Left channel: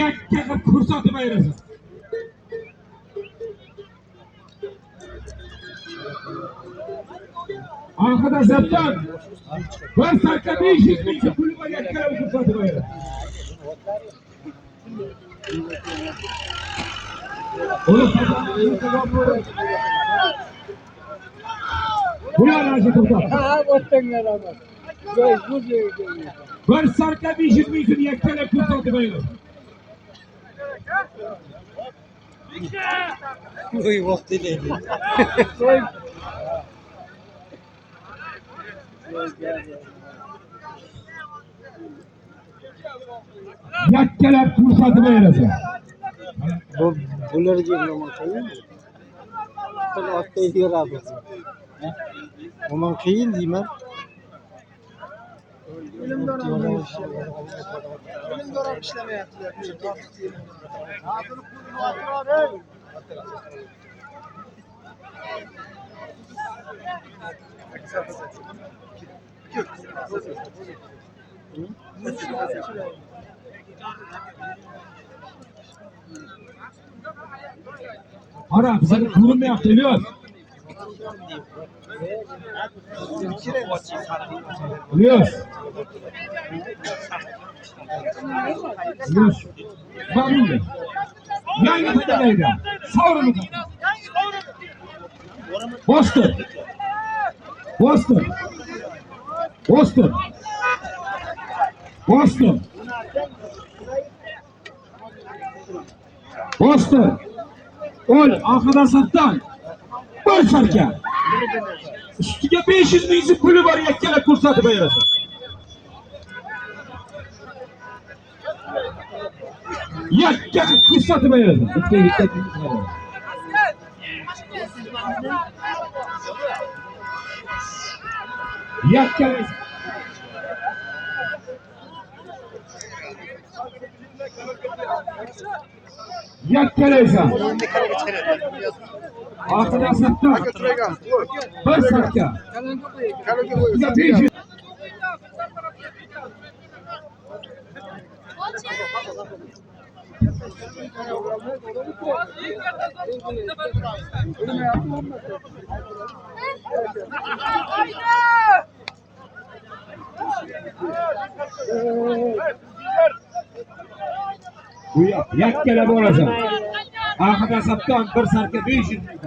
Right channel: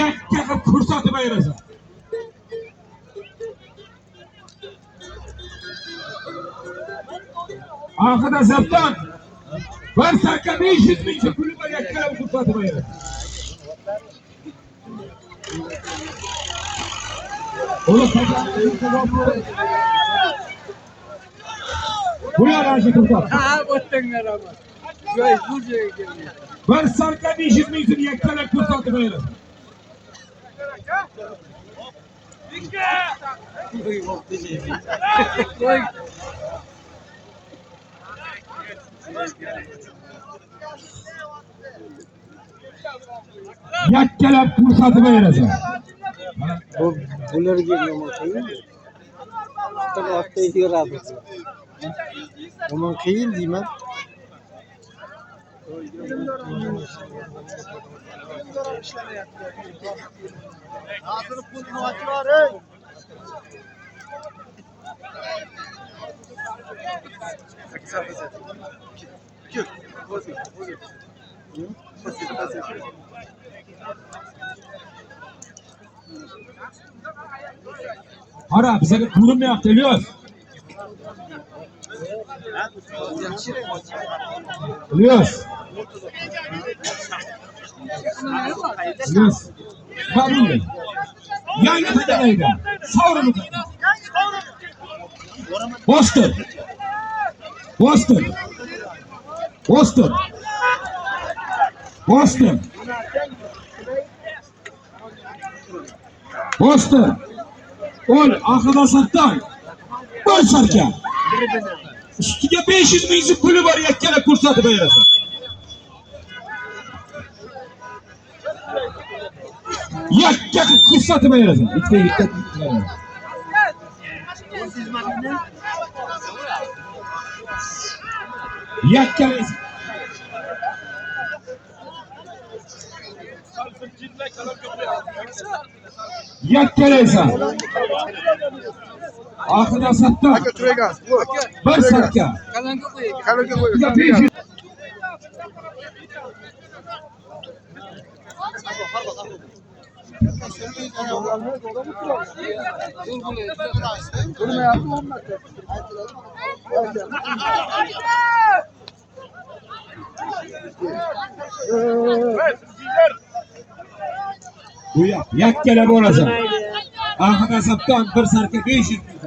yakka qilib ko'rsatib ayirasan. Oxirida zapdan bir sakka 500 ming puli bor yakka qilib ko'rsatib ayirasan. Bular aşı to'xtab. Ha, o'tdinglar ama. Joy bu joyga keldi. Bir sarka 500 ming so'm yakkalab ko'rsatib ayirasan. Qo'y vaqti deydi. Qo'y. Yakkalab ko'rsatib ayirasan. Bularga nima qiyin? Xatar ortda yuradi. Umuman qiyin deyman. Ara bize ko'rinmayapti Ilyos. Ilyos. Ilyos. Barulho. Yana tadaydi. Savrini. Bostir. Bostir. Bostir. Bostir. Bostir. Ol, oxirida satdan. Boşarka. Ustiga 500 ming so'm puli bor yakkalab ko'rsatib ayirasan. Yakka ko'rsatib ayirasan. Yakka yakkalaysan. Oxirida satdan. Bir sarka. Kalonga qo'y. Yakkalab olasan. Oxirida satdan bir sarka 500 ming.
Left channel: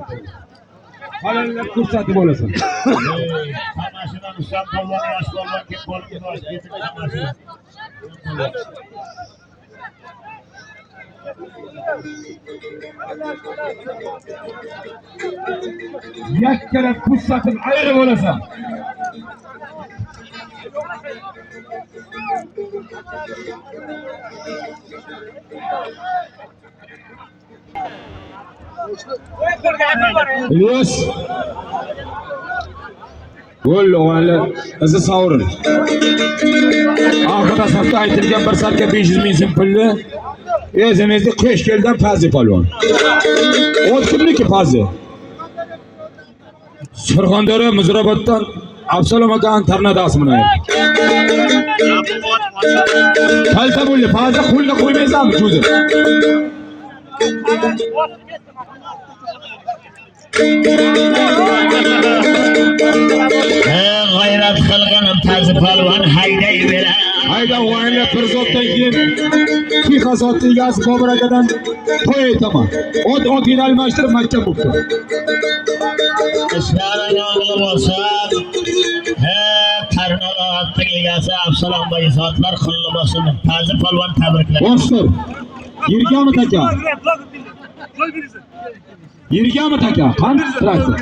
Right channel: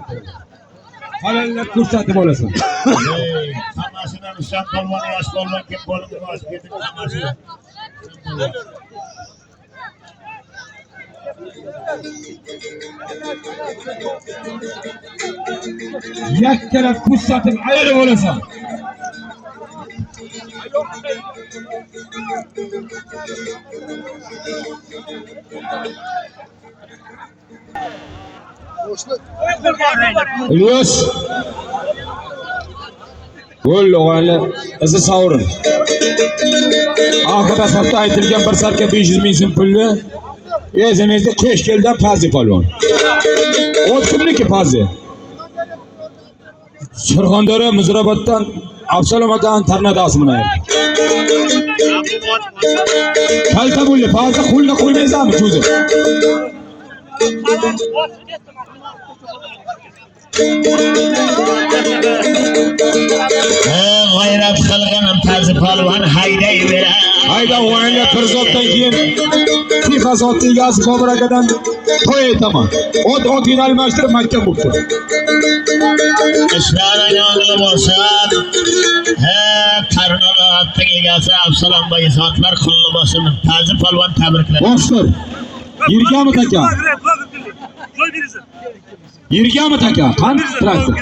Halallab ko'rsatib olasan. Hammasidan ushlab polvon yosh polvon kim bo'lib yosh ketib hammasi. Yakkalab ko'rsatib ayirib olasan. Ilyos. Gol o'g'aylar izi sovrin. Oxirida safda aytilgan bir sarka 500 ming so'm pulni o'zimizga qo'sh kelgan Pazi polvon. Ot kimniki Pazi? Surxondaryo Muzrabotdan Absalom akaning tornadasi bilan. Kalta bo'ldi, Pazi qo'lni qo'ymaysanmi cho'zib? G'ayrat qilganim Pazi polvon haydayverar. Hayda o'g'aylar Pirzobdan keyin FIFA zotli egasi Bobur akadan to'y aytaman. Ot almashtirib Makka bo'libdi. Ishlaring o'g'li bo'lsa, Tarnovat egasi Absalom boy zotlar qulli bo'lsin. Pazi polvon tabriklar. Boshlar. Yirgami taka? Yirgami taka? Qanday traktor?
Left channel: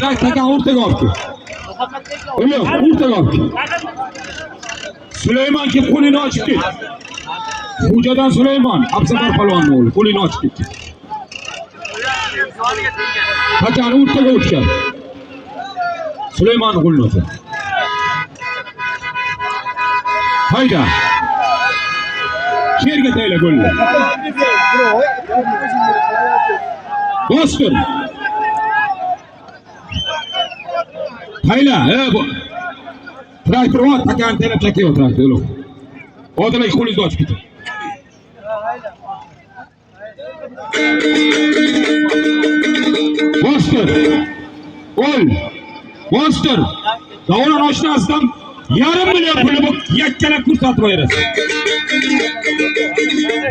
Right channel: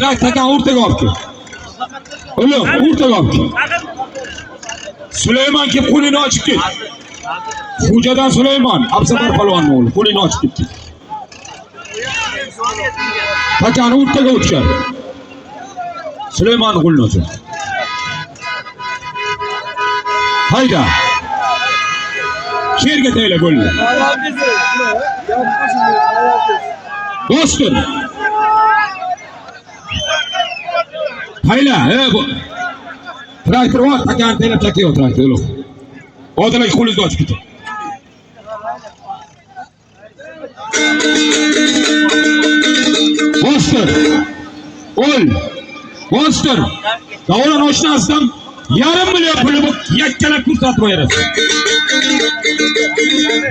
Traktorga o'rtaga olib kel. O'lim, o'rtaga olib kel. Sulaymon kim qo'lini ochib ket. Xo'jadan Sulaymon, Absafar polvonning o'g'li, qo'lini ochib ketdi. Takani o'rtaga o'tgan. Sulaymon qo'lini ochdi. Hayda. Yerga tayla golni. Boston. Hayla, bu. Traktor var, takan taylab chakiyor traktor. Odamlar qo'lingizni ochib keting. Monster. Ol. Monster. Davron oshnasidan yarim million puli bu yakkalab ko'rsatib berasiz.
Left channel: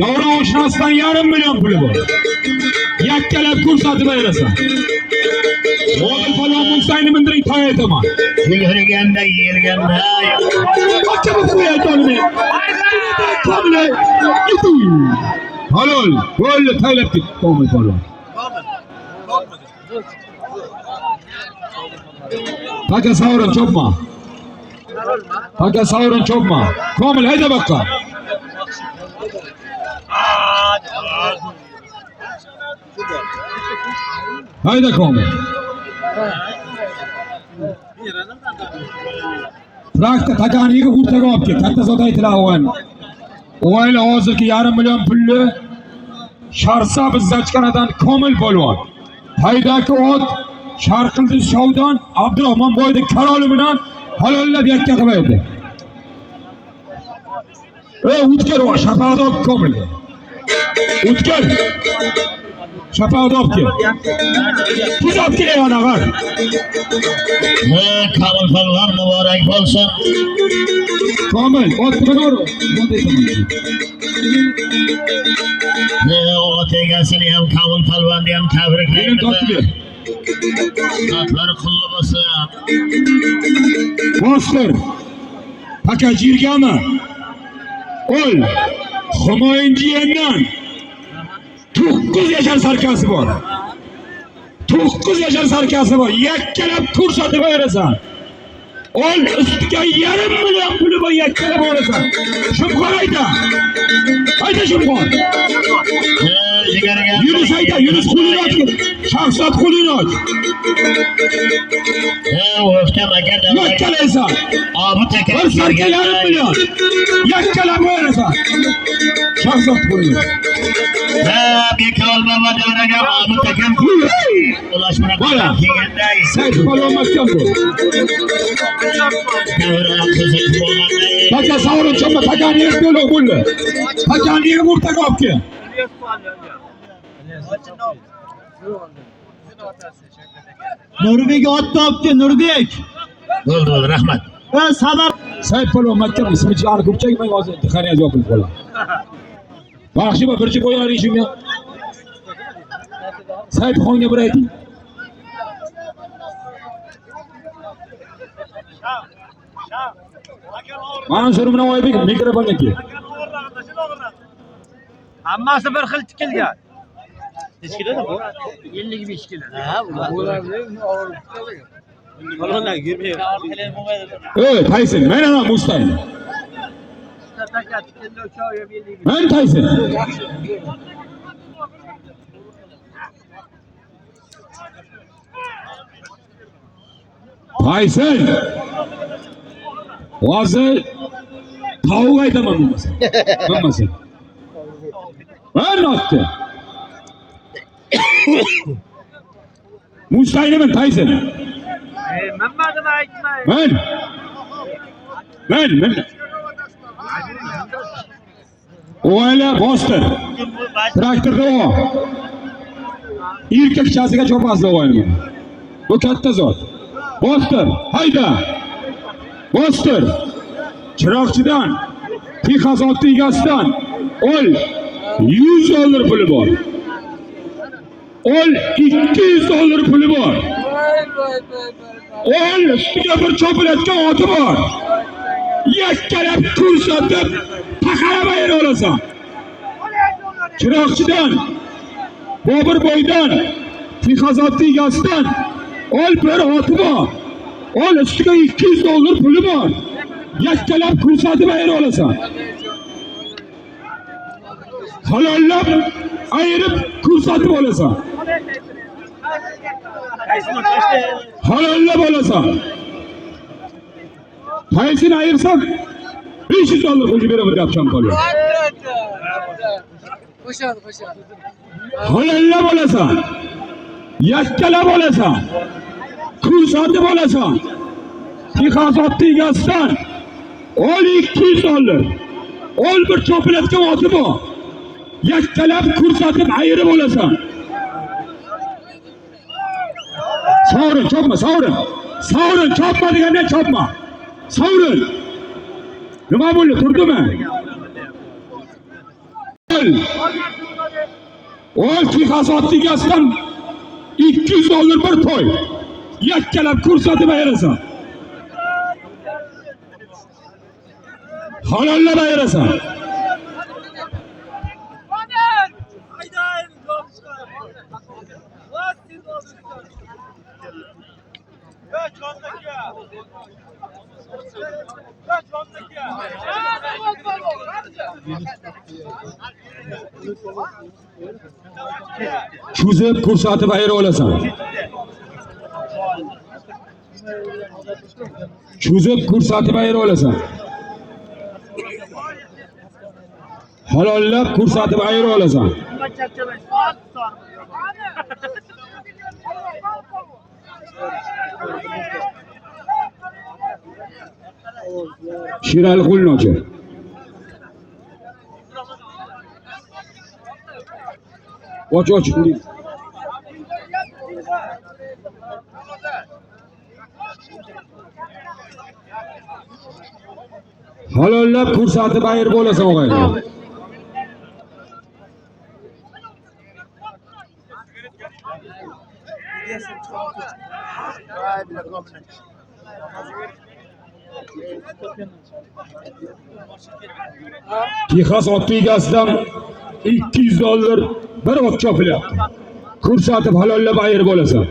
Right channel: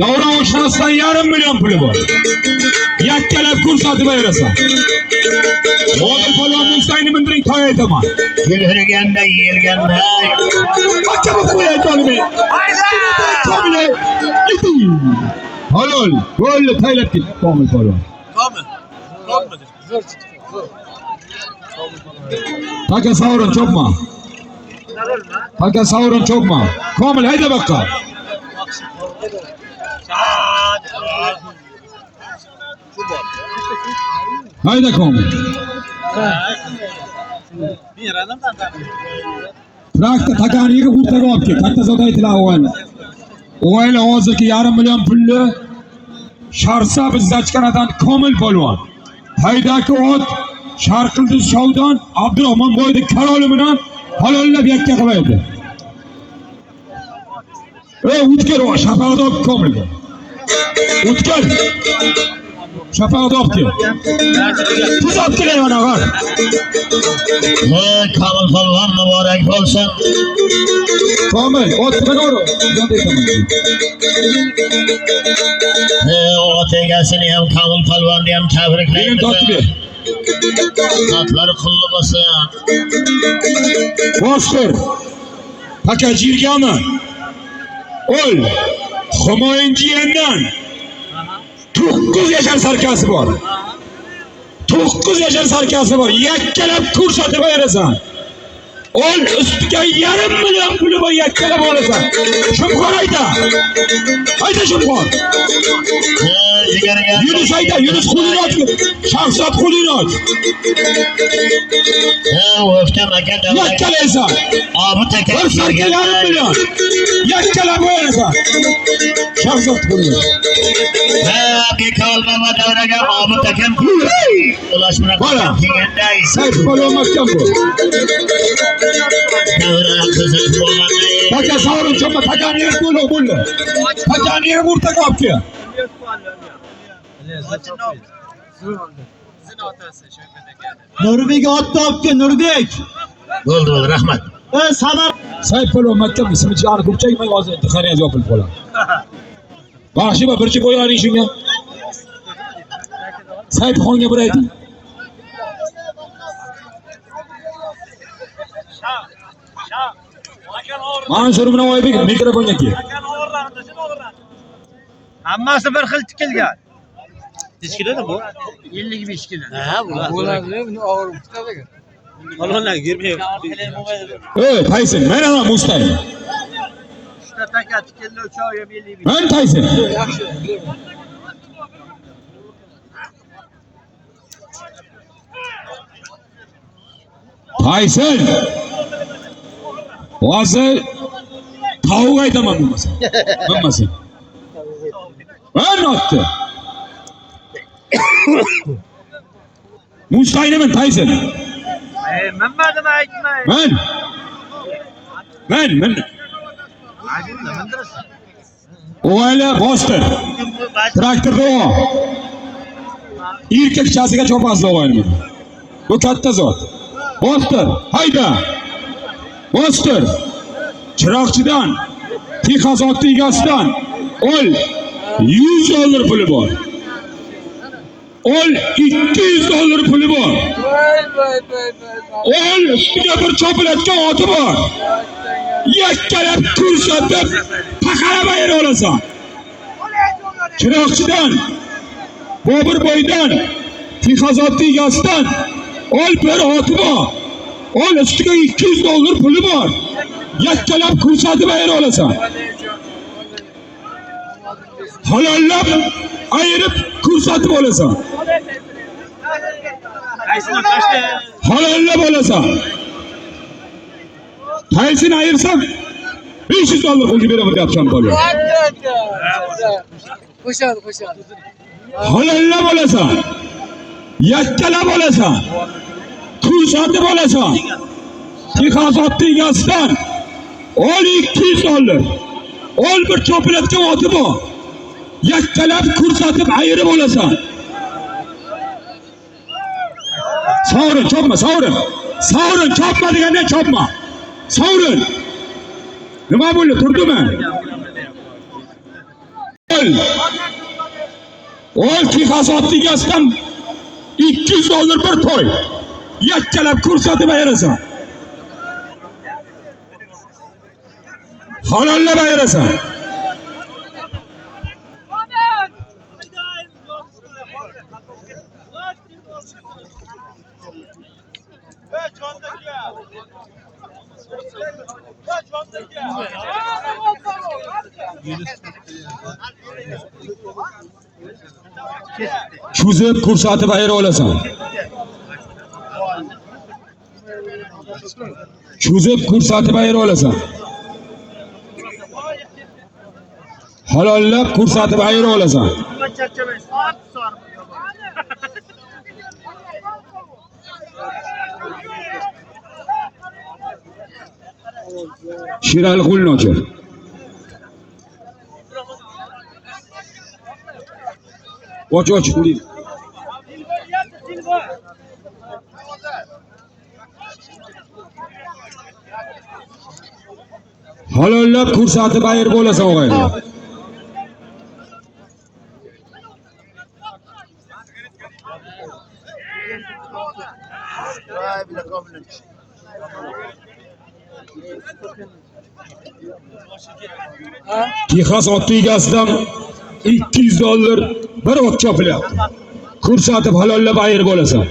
Davron oshnasidan yarim million puli bor. Yakkalab ko'rsatib berasiz. Odil polvon Mustayni mindiring to'y aytaman. Yelganda. Bakka bu qo'y aytaman. Komile. Halol. Bo'ldi taylab ketdi Komil polvon. Paka savrin chopma. Paka savrin chopma. Komil hayda bakka. Hayda Komil. Prakta takaniga o'rtaga olib kel. Katta zot aytlar o'g'ayni. O'g'aylar hozirgi yarim million pulni Sharsa bizzachkanadan Komil polvon. Haydaki ot Sharqildiz Shovdan Abdurahmon boyda karoli bilan halollab yakka qilib berdi. O'tkir o shafaat olib Komilga. O'tkir. Shafaat olib kel. Tuzab kelayman og'ar. Komil polvon muborak bo'lsin. Komil, otga to'g'ri. Ot egasini ham Komil polvonni ham Benim tabriklaymiz. tortib ber. Xatlar qulli bo'lsin. Monster. Paka jirgami? Ol. Humoyinchiyandan 9 yashar sarkasi bor. 9 yashar sarkasi bor. Yakkalab ko'rsatib berasan. Ol ustiga yarim million puli bor yakkalab olasan. Shumxon ayta. Ayta Shumxon. Yunus ayta, Yunus qo'lini och. Shahzod qo'lini och. Yakkalaysan. Bir sarka yarim million. Yakkalab olasan. Shahzod qo'lini. Bekolmama davraga Mahmud akam ulash bilan kelganday Sayt polvon mahkam bu. davra qiziq bo'lgan. Paka savrin chopma, pakani yer to'liq bo'ldi. Pakani yer o'rtaga olib kel. Nurbek otni olib kel, Nurbek. Bo'ldi, rahmat. Sadar. Sayt polvon mahkam ismi chiqarib ko'pchagimay hozir intihoniga yopilib qoladi. Baxshi bir chiqib qo'yaring shunga. Sayt xonga bir ayting. Mansur bilan Oybek mikrofonga kel. Hammasi bir xil tikilgan. Necha kiloda bu? 55 kilo. Ha, Ularlar yurmaydi. Tayson, mana Mustayni. Taka tikillo cho'ya 55. Men Tayson. Tayson. Hozir tavuq aytaman bo'lmasa. Bo'lmasa. Men otdi. Mustayni men Tayson. Mammadimi aytmay. Men. O'g'aylar Monster. Traktorda o. Erkakchasiga chopasizlar o'g'ayni. Bu katta zot. Monster, hayda. Monster. Chiroqchidan, Texas ot egasidan ol $100 puli bor. Ol $200 puli bor. Ol ustiga bir chopilayotgan oti bor. Yakkalab ko'rsatib paqarab ayira olasan. Chiroqchidan, Bobirboydan, Texas ot egasidan ol bir oti bor. Ol ustiga $200 puli bor. Yakkalab ko'rsatib ayira olasan. Halollab ayirib ko'rsatib olasan. Halollab olasan. Tayson ayirsam $500 pul beraman deyapsan bola. Qo'shadi. Halollab olasan. Yakkalab olasan. Ko'rsatib olasan. Texas ot egasidan ol $200. Ol bir cho'pilatga otib o. Yakkalab ko'rsatib ayirib olasan. Savrin, chopma, savrin. Savrin, chopma deganda chopma. Savrin. Nima bo'ldi, turdimi? Ol Texas otligasidan $200 bir to'y. Yakkalab ko'rsatib ayirasan. Halollab ayirasan. Cho'zib ko'rsatib ayira olasan. Cho'zib ko'rsatib ayira olasan. Halollab ko'rsatib ayira olasan. Şirali qo'lni ochar. Och. Halollab ko'rsatib ayirib olasan o'g'aylar. Texas otli egasidan $200 bir ot chopilyapti. Ko'rsatib halollab ayirib olasan.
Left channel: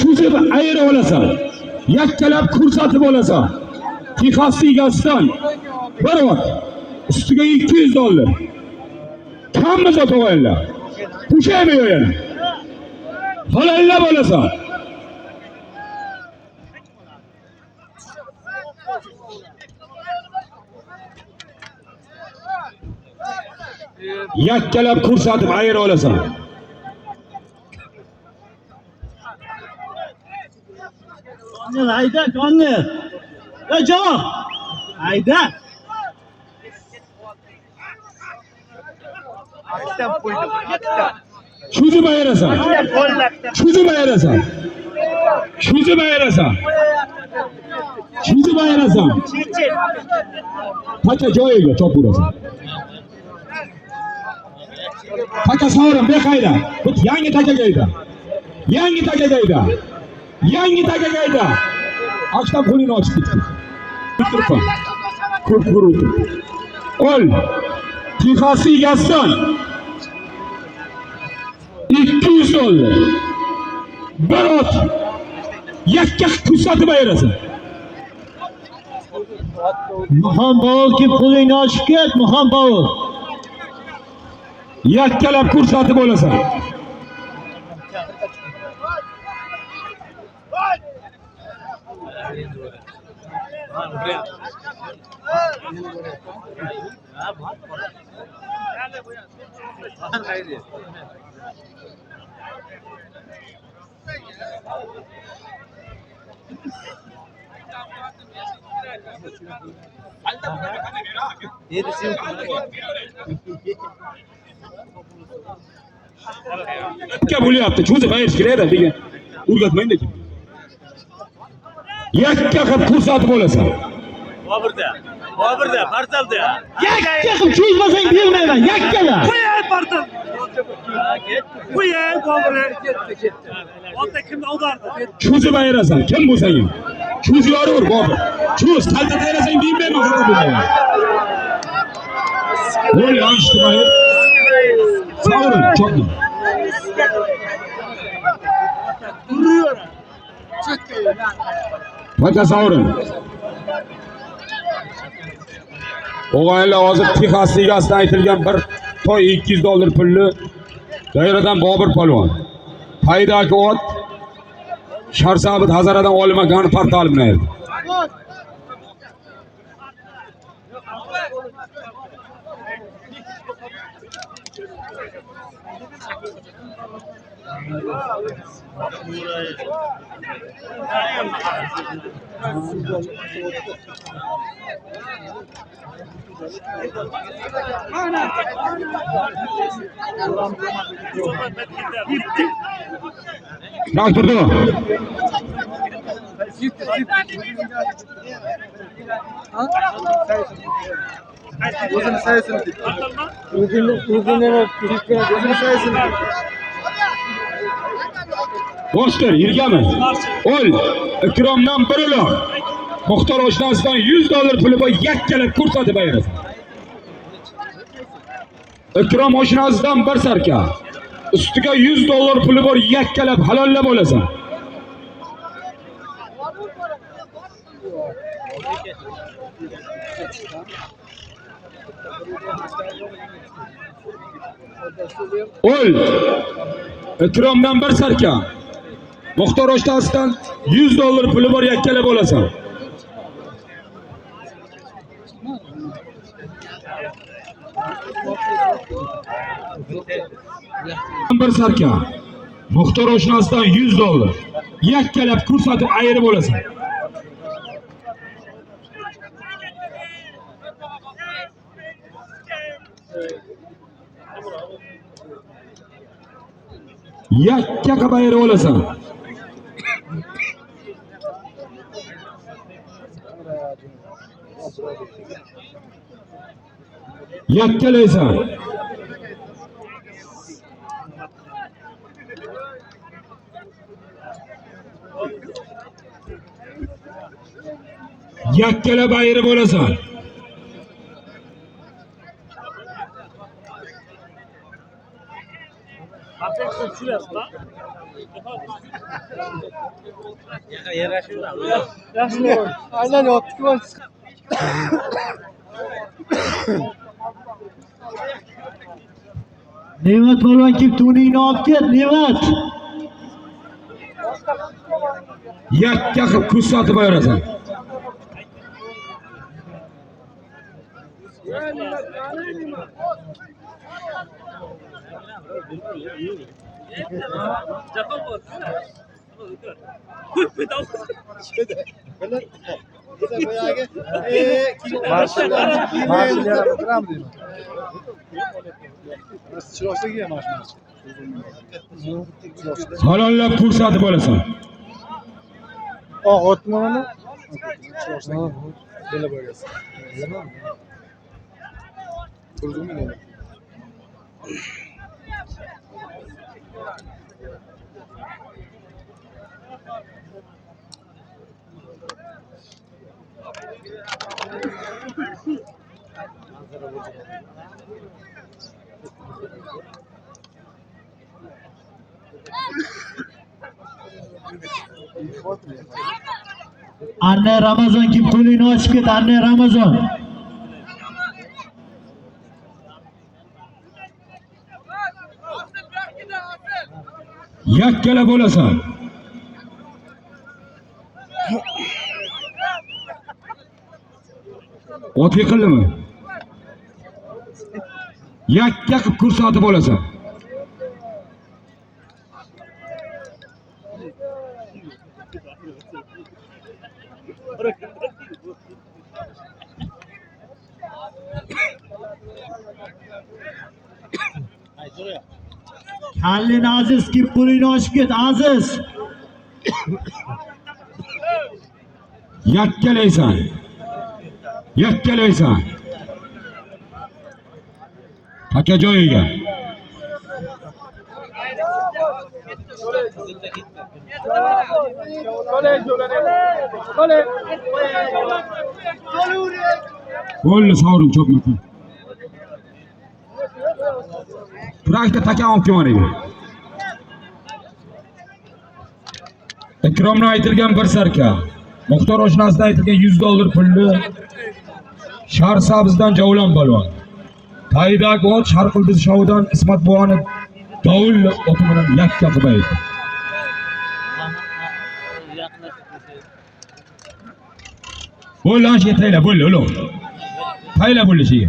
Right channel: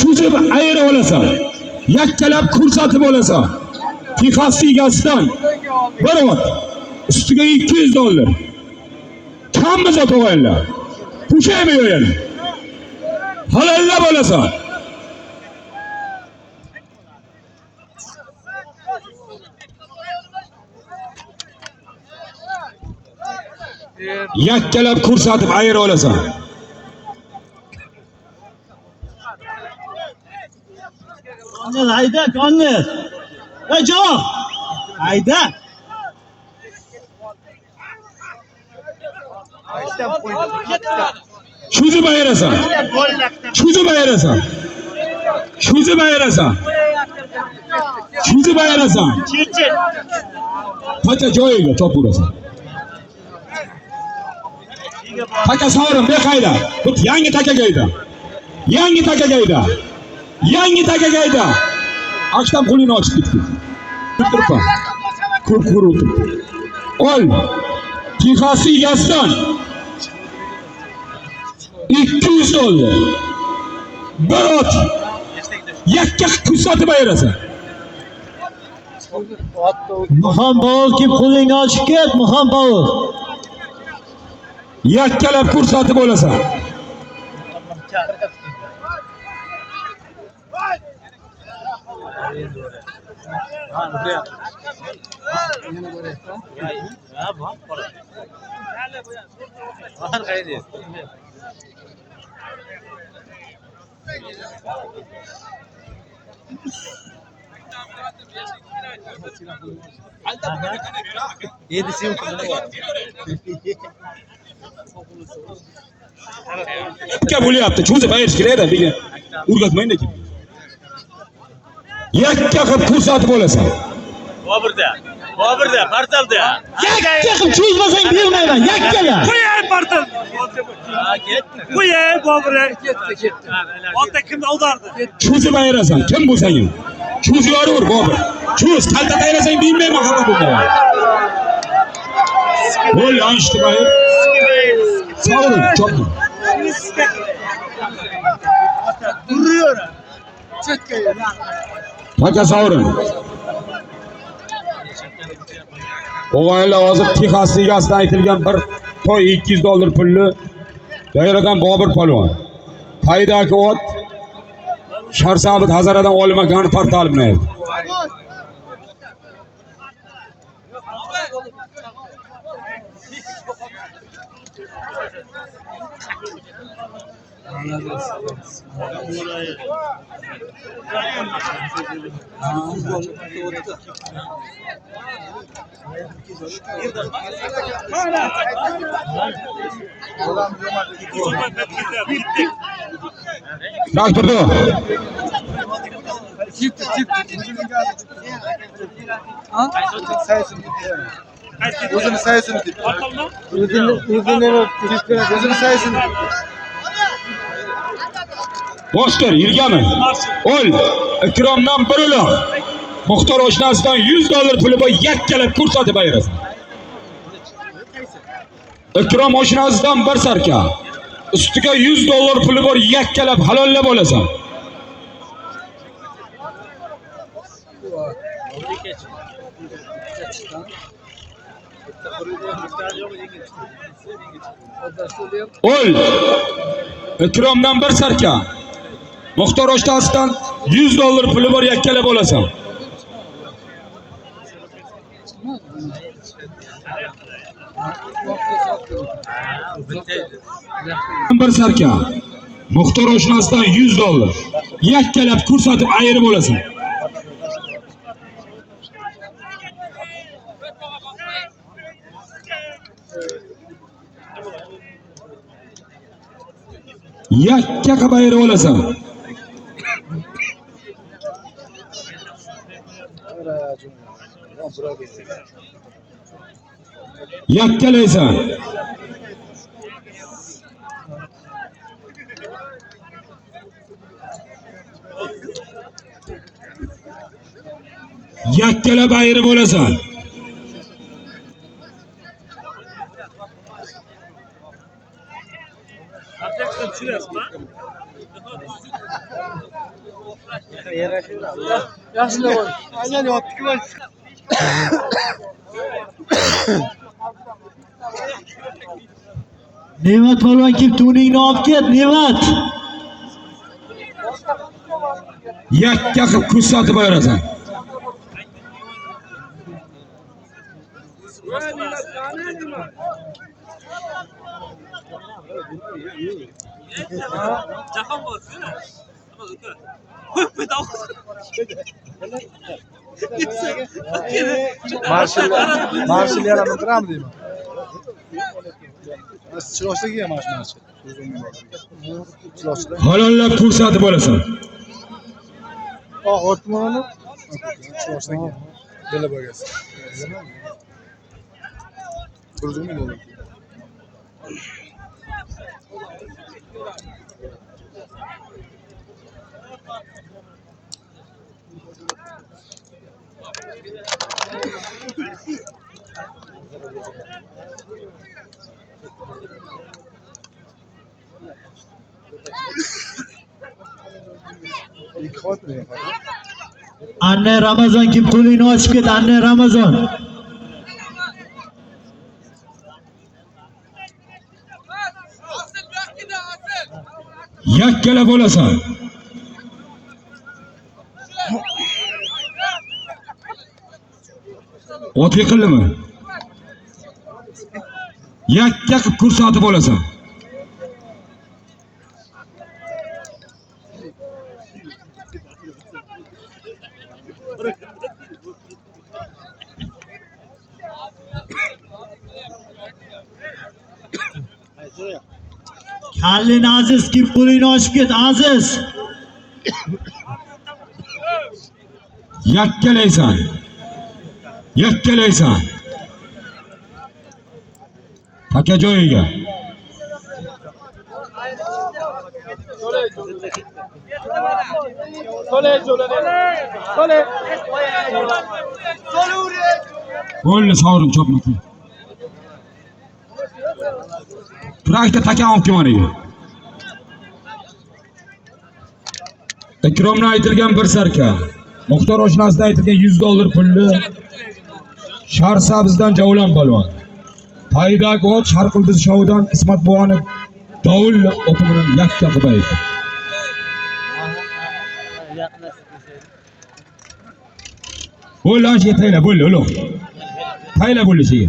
Cho'zib ayirib olasan. Yakkalab ko'rsatib olasan. Texas egasidan bir ot. Ustiga $200. Kammi zot o'g'aylar. Pushaymi yo'yani. Halollab olasan. Yakkalab ko'rsatib ayirib olasan. Hayda, Konner. Javob. Hayda. Cho'zib ayirasan. Cho'zib ayirasan. Cho'zib ayirasan. Cho'zib ayirasan. Taka joyiga chop urasan. Taka sovrin beqayda. Bu yangi takaga edi. Yangi takaga edi. Yangi takaga edi. Ochdan qo'lini ochib ketdi. Turpa. Kur o'tir. Ol. Texas egasidan $200. Bir ot. Yakka ko'rsatib ayirasan. Muhammad kim qo'lingni ochib ket, Muhammad. Yakkalab ko'rsatib olasan. Yakka bo'lyapti. Cho'zib ayirish kerak degan. O'rgatmaydi kim. Yakka qilib ko'rsatib olasan. Bobirda, portalda. Yakka qilib cho'zmasang bermayman, yakkala. Qo'yay portal. Qo'yay Bobir. Ketdi. Ota kimni audardi? Cho'zib ayirasan. Kim bo'lsang ham. Cho'zib yoraver Bobir. Cho'z, qayta ayirasang bilmayman xato bo'lmayman. Voy, yanlıştı bayır. Savurun, çok mu? Duruyor. Hadi savurun. O'g'aylar hozir Texas ligasidan aytilgan bir to'y $200 pulli Doiradan Bobur polvon. Paydaki ot Sharsabit Hazaradan olmagan portal bilan. Bak durdu. O'zini saysin deb. O'zini saysin. Boshlar yirgami? Ol Ikromdan bir uloq. Muxtor oshnasidan $100 puli bor yakkalab ko'rsatib ayirasan. Ikrom oshnasidan bir sarka. Ustiga $100 puli bor yakkalab halollab olasan. Ol Ikromdan bir sarka. Muxtor oshnasidan $100 puli bor yakkalab olasan. Bir sarka. Muxtor oshnasidan $100. Yakkalab ko'rsatib ayirib olasan. Yakka qilib ayirib olasan. Yakkalaysan. Yakkalab ayirib olasan. Aynan yotdik var. Nevat polvon kelib to'ningni olib ket, Nevat. Yakka qilib ko'rsatib ayirasan. Marshal gram deyman. Chiroqchiga ham marshal. Chiroqchiga. Halollab ko'rsatib olasan. Otmani. Chiroqchiga. Dela bo'lgasi. Ko'rdingmi? Anne Ramazon kim qo'lingni ochib ket, Anne Ramazon. Yakkalab olasan. Ot yiqildimi? Yakka qilib ko'rsatib olasan. Hallin Aziz kim qo'lingni ochib ket, Aziz. Yakkalaysan. Yakkalaysan. Taka joyiga. Bo'ldi, sovrin chopma. Turakda takan olib kelmaniga. Ikromni aytilgan bir sarka. Muxtor oshnasidan aytilgan $100 pulli Sharsabzdan Javlon polvon. Taydagi ot Sharqildiz shovidan Ismat buvoni davul o'ti bilan yakka qilib aytdi. Bo'l ashiga tayla bo'l ulug'. Tayla bo'lishiga.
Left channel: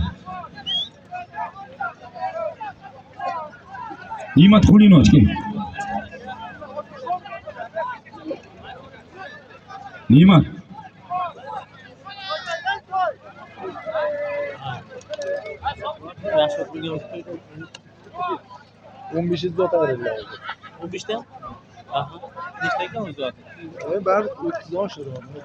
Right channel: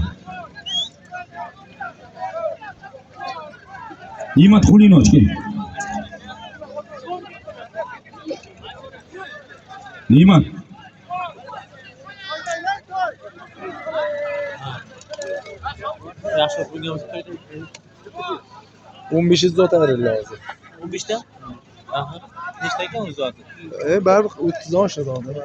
Ne'mat Xulinoch kim? Ne'mat. Yaxshi pulga o'tib qo'ydi. 15 zot ayrildi hozir. 15 ta? Aha. Nechta ekan o'zi zoti? Baribir 30 oshadi hozir.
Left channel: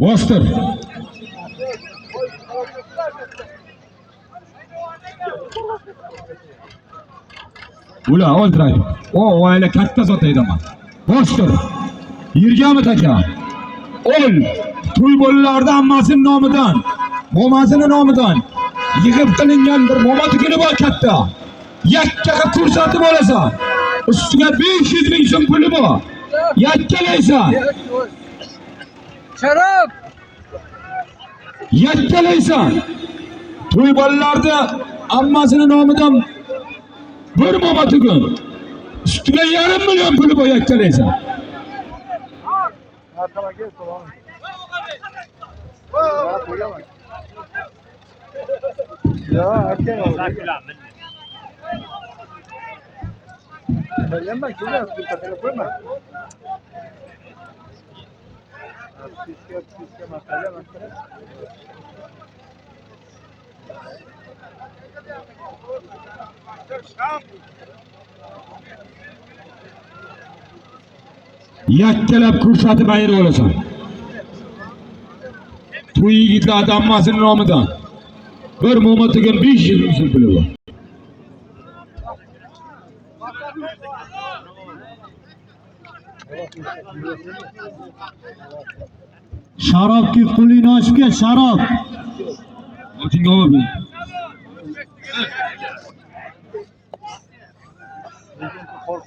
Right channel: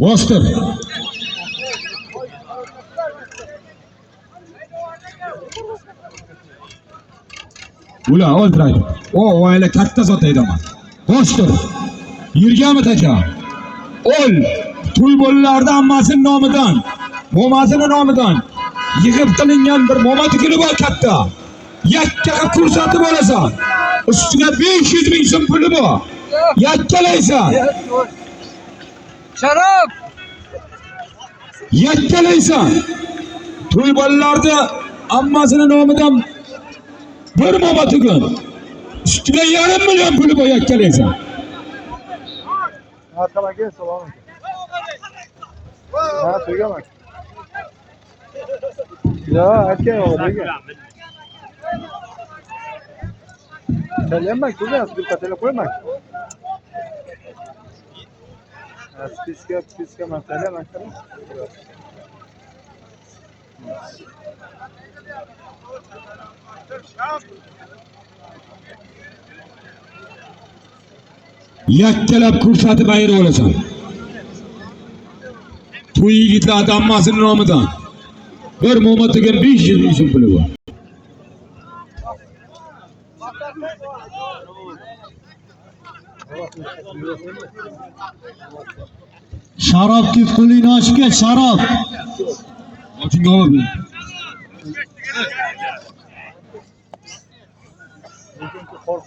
Bostir. Ular o'ldiradi. Oila katta zot aydaman. Bostir. Yurganmi taka? Ol. To'y bolalarda ammasining nomidan, mo'masining nomidan yig'ib qilingan bir mo'mati kuni bor katta. Yakkaga ko'rsatib olasan. Ustiga 500 ming so'm puli bor. Yakkalaysan. Sharob! Yakkalaysan. To'y bolalarda ammasining nomidan bir mo'mati kun. Ustiga 1,5 million puli bor yakkalaysan. Arqalarga salom. Mana qo'ygaman. Ya, aytgan Bilmayman, ko'rasiz, bir telefon qo'yman. Spiska masala makara. Yakkalab ko'rsatib ayira olasan. To'y yigitlarning ammasining nomidan bir mo'matiga 500 ming so'm puli bor. Sharob kif qo'lingni ochib ket, sharob. Ochingga olib.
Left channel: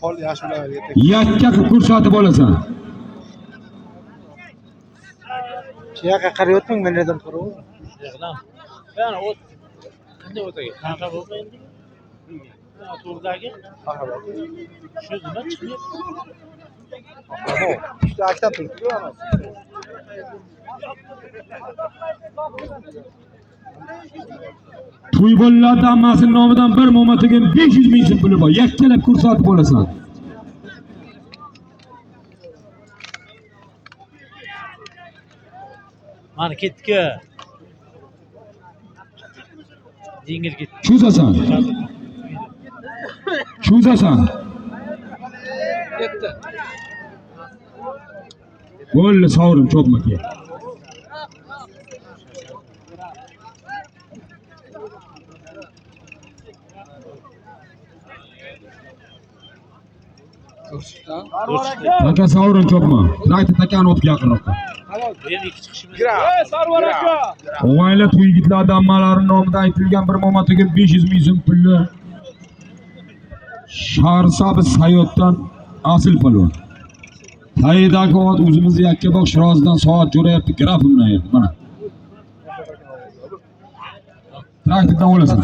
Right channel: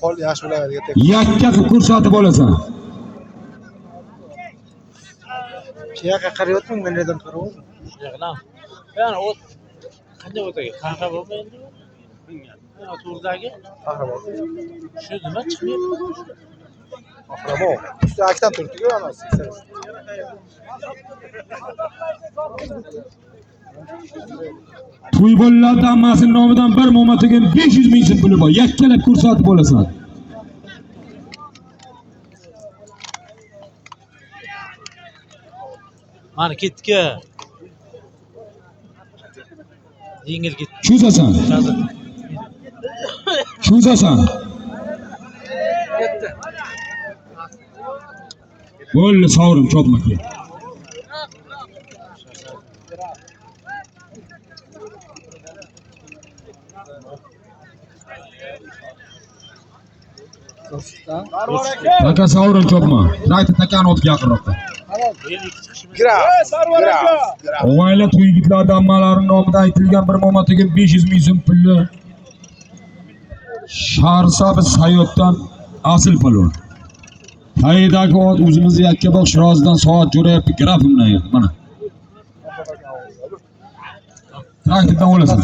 Qol yaxshi bilan Yakka qilib ko'rsatib olasan. shu yoqqa qarayotmang, men nerdan qarayapman? Yo'qdan. Yani o qanday o'taga? Qanaqa bo'lmaydi? Bilmadim. To'rdagi shu nima chiqmayapti? Usta aktan turibdi-ku amasi. To'y bolalarda ammasining nomidan bir mo'matiga 500 ming so'm puli bor. Yakkalab ko'rsatib olasan. Mana ketdi. Yengil ketdi. Cho'zasan. Cho'zasan. Ketdi. Bo'ldi, sovrim cho'pma ke. Taka sovrin cho'pma. Rayta takani o'tib yaqinroqqa. Benim ikki chiqishimiz. Oila to'y yigitlardan ammalarining nomidan aytilgan bir mo'matiga 500 ming so'm pulli Sharsabz Sayotdan asl polvon. Taydagi ot o'zimizni Yakkabog' Shirozdan soat jo'rayapti grafimdan edi. Mana. Traktordan olasan.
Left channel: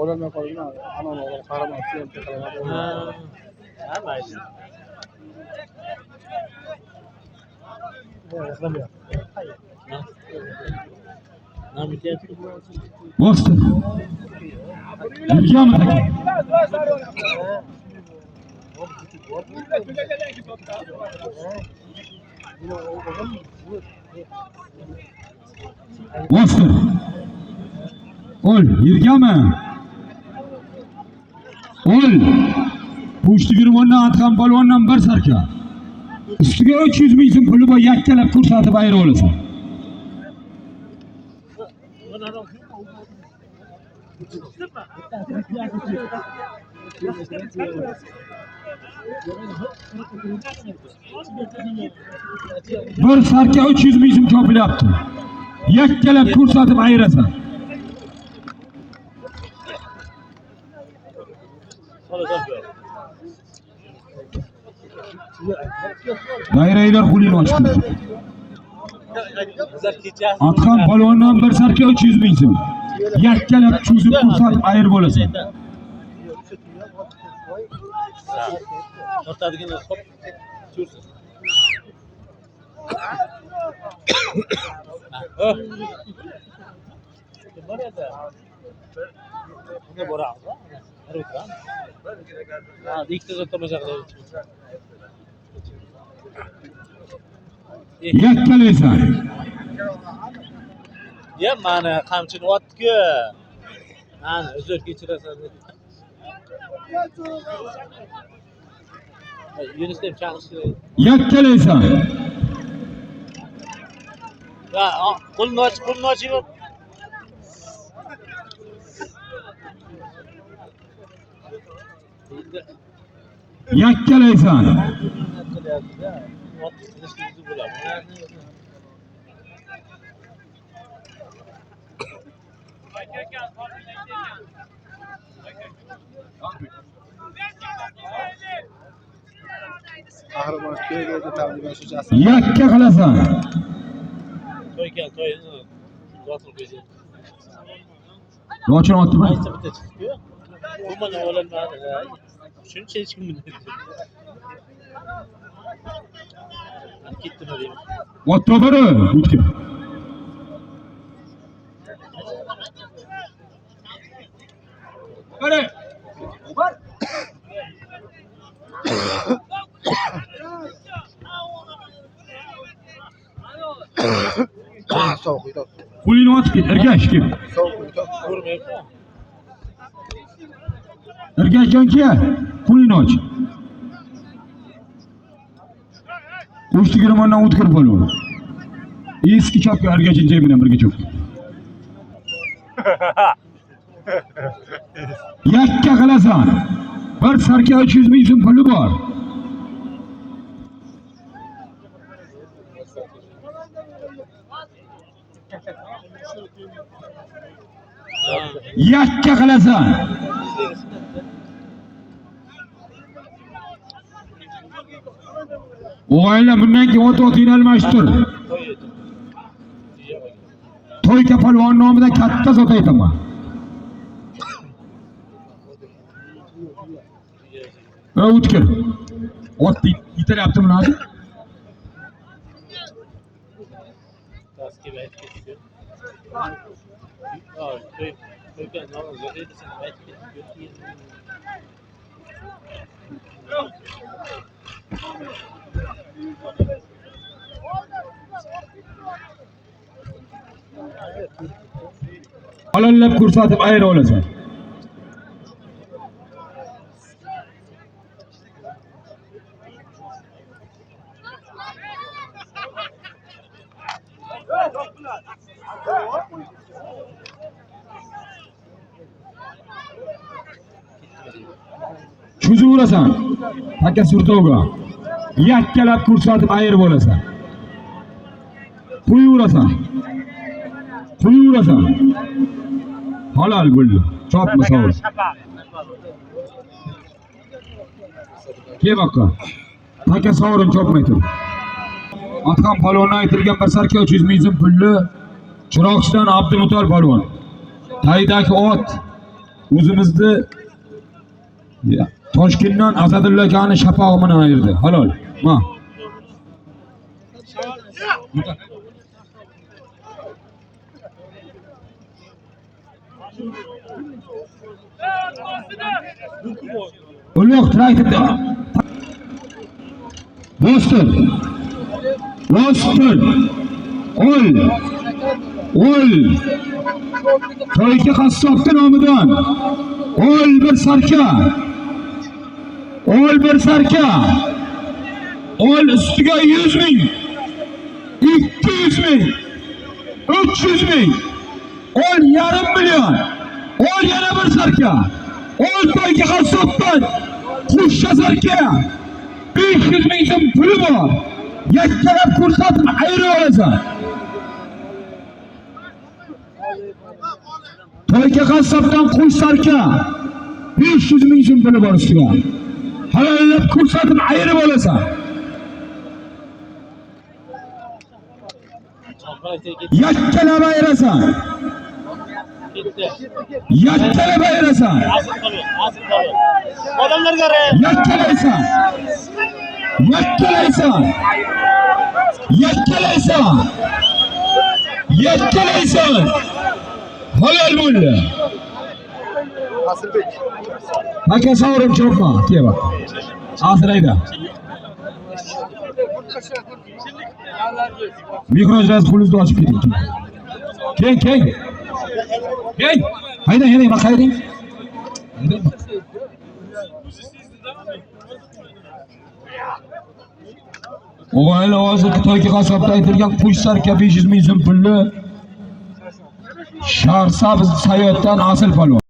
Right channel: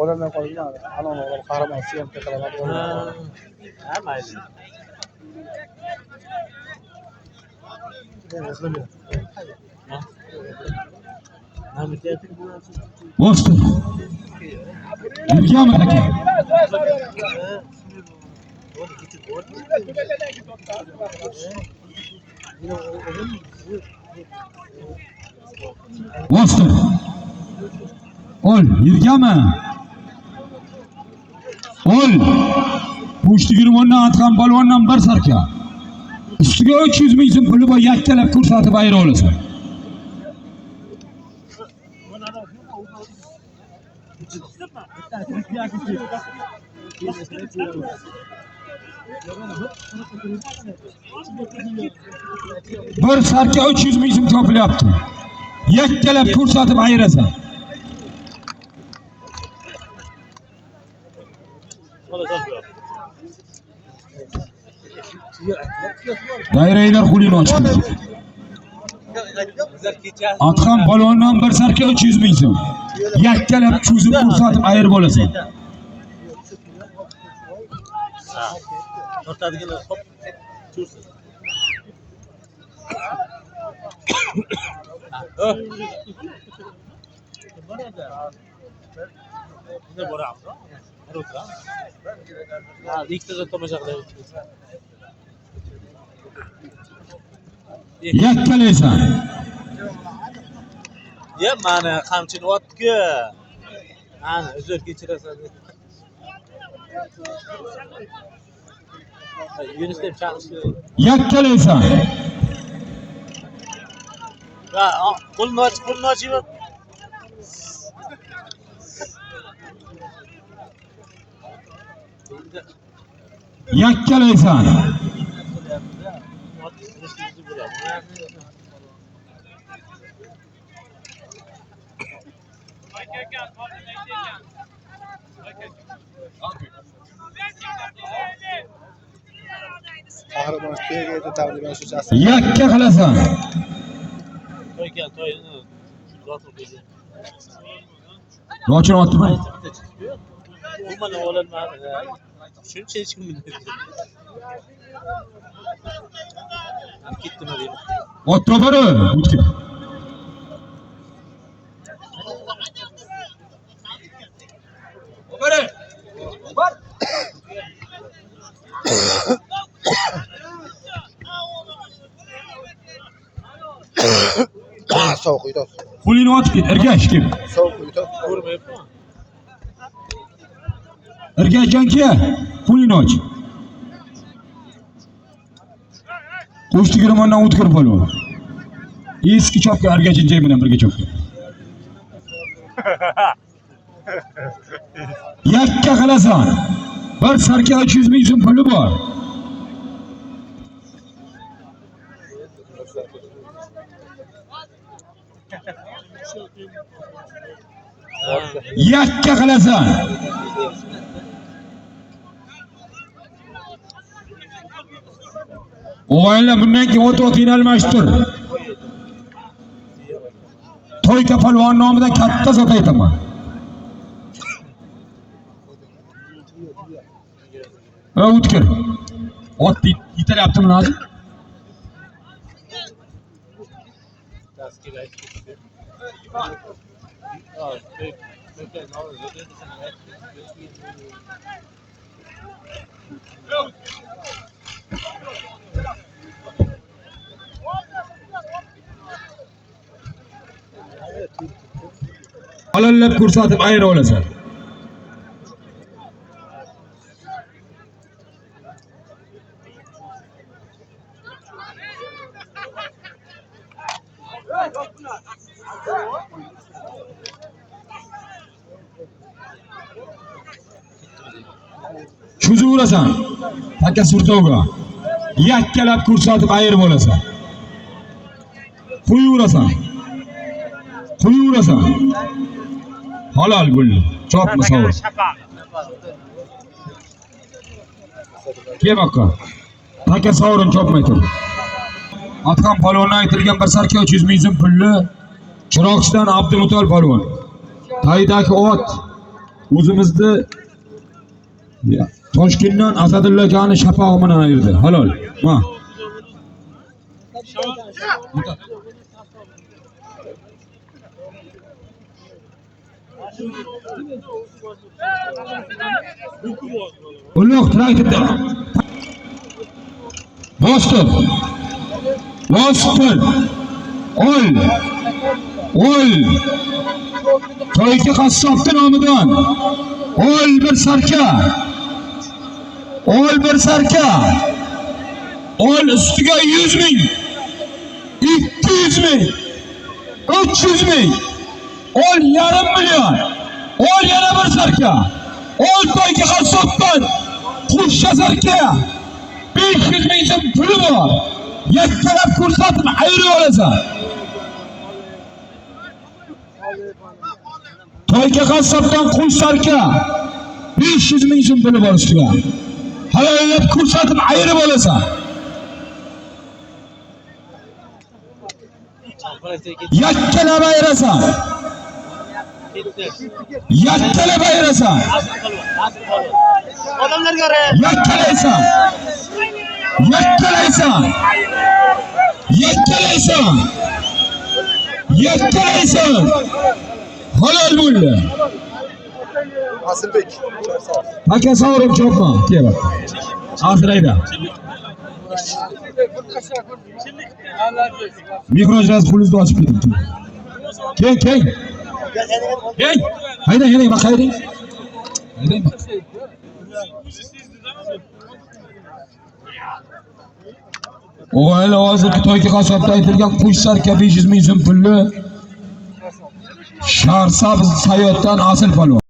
Olamdan qolgan ana qahramon siyam qilaman. Ha, mayli. Nam bityapti bu. Bostir. Yurganmi taka? Bostir. Ol, yurganmi? Ol. Pushtigirmondan Atxan polvondan bir sarka. Ustiga 300 ming so'm puli bor, yakkalab ko'rsatib ayira olasan. Bir sarka 300 ming so'm topilyapti. Yakkalab ko'rsatib ayirasan. Dairanglar qo'lingni ochib. Atxon balondan bir sarka 300 ming so'm. Yakkalab cho'zib ko'rsatib ayirib olasan. Tortadigan hop. Cho'zsin. Bunda boramiz. Har o'tiramiz. Ha, ikkita tomosha qilamiz. Yakkalaysan. Ya mana qamchini otdi-ku. Ana, uzr kechirasan. Yunus deb chaqirishdi. Yakkalaysan. Ha, qo'lni ochib. Yakkalaysan. Qahramon keldi tavliban shujasi. Yakka qilasan. To'y kel, to'y. Rotul qo'ydi. Rochini otdimi? Aytsa bitta chiqdi-ku. U mana olinmadi. Shuncha hech kim bilmaydi. Ketdimi deyman. Otdi bari, o'tdi. Bari. Sovuq uyda. Qo'lingni ochib ket, ergash kim? Sovuq uyda. Ko'rmayapti. Ergashganki, qo'lingni och. Qo'shti girmondan o'tkir polvon. Eski chopga ergashingcha bilan birga chop. Yakka qilasan. Bir sarka 300 ming so'm puli bor. Yakka qilasan. O'g'aylar bundan keyin ot-otingni almashtir. To'yka polvon nomidan katta sot aytaman. O'tkir. Ot yetalyaptimi hozir? Taskin aytib ketdi. Ha, to'yka nozir edi, sen aytib ketdi. Halollab ko'rsatib ayira olasan. Cho'zib olasan. Taka surtovga. Yakkalab ko'rsatib ayirib olasan. Qo'yaverasan. Qo'yaverasan. Halol bo'ldi. Chopma sovur. Kem aka. Taka sovurin chopmay tur. Atxon polvondan aytilgan bir sarka 300 ming so'm pulni Chiroqchidan Abdumutol polvon. Taydagi ot o'zimizni Toshkentdan Asadulla akani shapog'i bilan ayirdi. Halol. Ma. Ulug' traktorda. Bostir. Bostir. Ol. To'yka qassobning nomidan. Ol bir sarka. Ol bir sarka. Ol ustiga 100 ming. 200 ming. 300 ming. Ol yarim million. Ol yana bir sarka. Ol to'yka qassobdan Kuş yazarken 500 ming so'm puli bor. Yakkalab ko'rsatib ayirib olasan. To'yga qassobdan qush sarka 500 ming so'm puli bor ustiga. Halollab ko'rsatib ayirib olasan. Yakkalab ayirasan. Yakkalab ayirasan. Odamlarga qara. Yakkalaysan. Yakkalaysan. Yakkalaysan. Yakkalaysan. Halol bo'ldi. Asılbek. Aka sovrim chopma. Kel bak. Asirayda. Mikrojaz pulni ochib keting. Keng. Keng. Haydang, bak haydang. Haydang. O'g'il hozirgi to'yga qassobda aytilgan qush sarka 500 ming so'm pulni Sharsabz Sayotdan asl polvon.